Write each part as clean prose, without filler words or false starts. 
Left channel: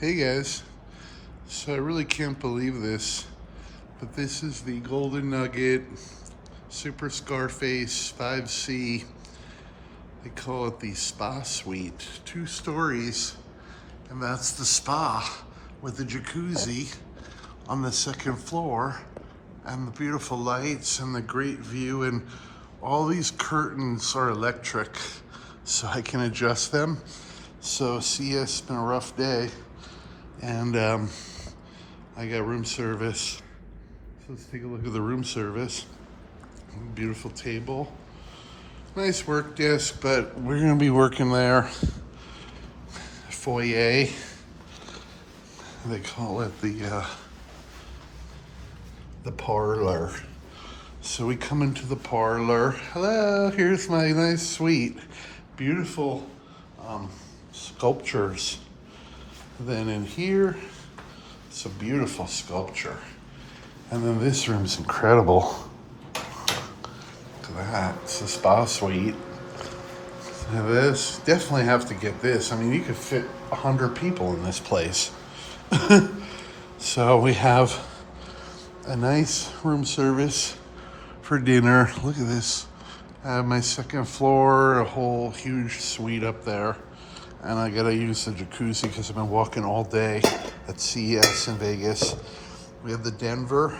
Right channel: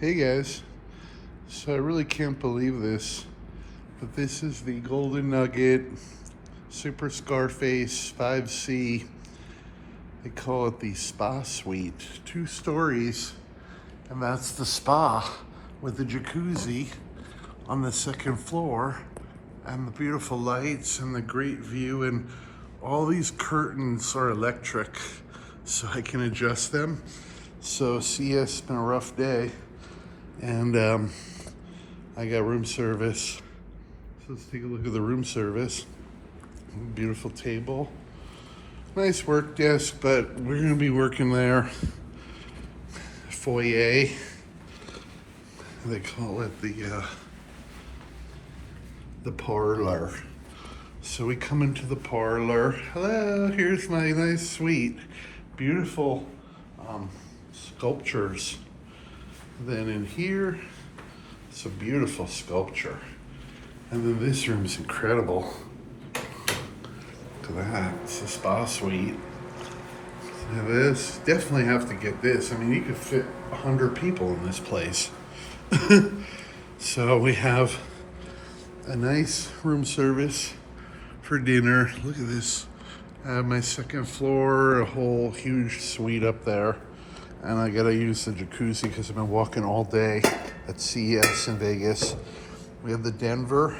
Hey guys, so I really can't believe this, but this is the Golden Nugget Super Scarface 5C. They call it the spa suite, 2 stories, and that's the spa with the jacuzzi on the 2nd floor and the beautiful lights and the great view, and all these curtains are electric so I can adjust them. So CES has been a rough day, and I got room service. So let's take a look at the room service. Beautiful table, nice work desk, but we're gonna be working there. Foyer, they call it the parlor. So we come into the parlor. Hello, here's my nice suite. Beautiful sculptures. Then in here, it's a beautiful sculpture. And then this room is incredible. Look at that, it's a spa suite. So this, definitely have to get this. I mean, you could fit 100 people in this place. So we have a nice room service for dinner. Look at this. I have my 2nd floor, a whole huge suite up there. And I gotta use the jacuzzi because I've been walking all day at CES in Vegas. We have the Denver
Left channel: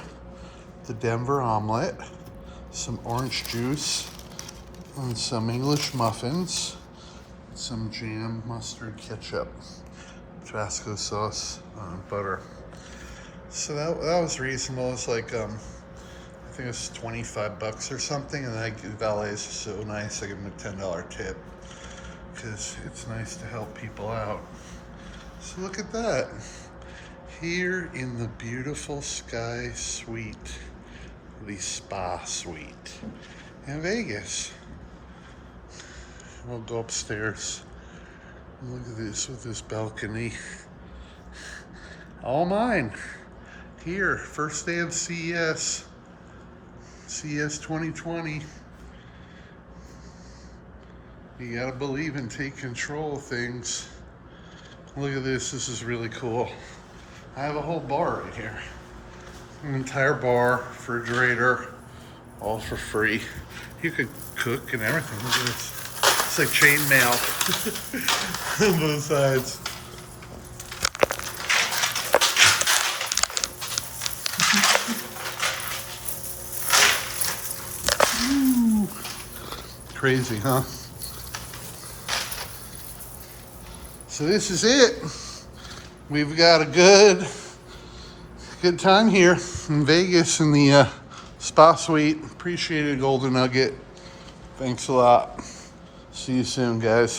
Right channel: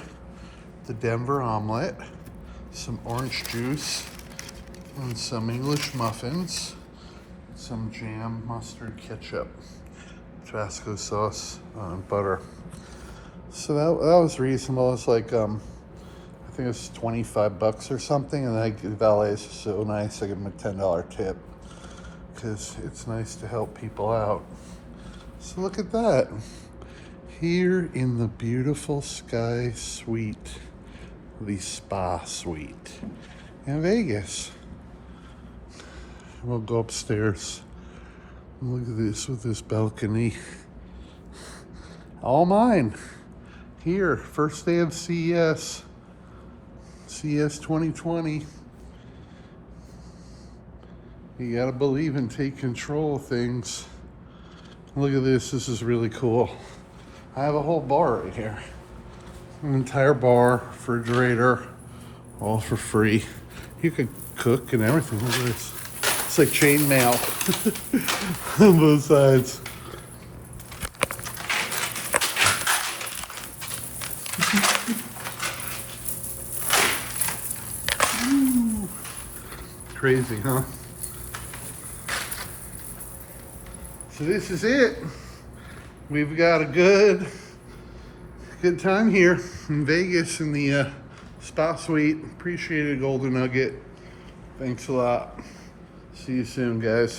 omelet, some orange juice, and some English muffins, some jam, mustard, ketchup, Tabasco sauce, and butter. So that was reasonable. It's like, I think it was $25 or something, and the valet is so nice, I give him a $10 tip, because it's nice to help people out. So look at that. Here in the beautiful Sky Suite, the spa suite in Vegas. We'll go upstairs. Look at this with this balcony. All mine. Here, first day of CES 2020. You gotta believe and take control of things. Look at this, this is really cool. I have a whole bar right here. An entire bar, refrigerator, all for free. You can cook and everything. Look at this. It's like chain mail on both sides. Crazy, huh? So this is it. We've got a good time here in Vegas in the spa suite. Appreciate it, Golden Nugget. Thanks a lot. See you soon, guys.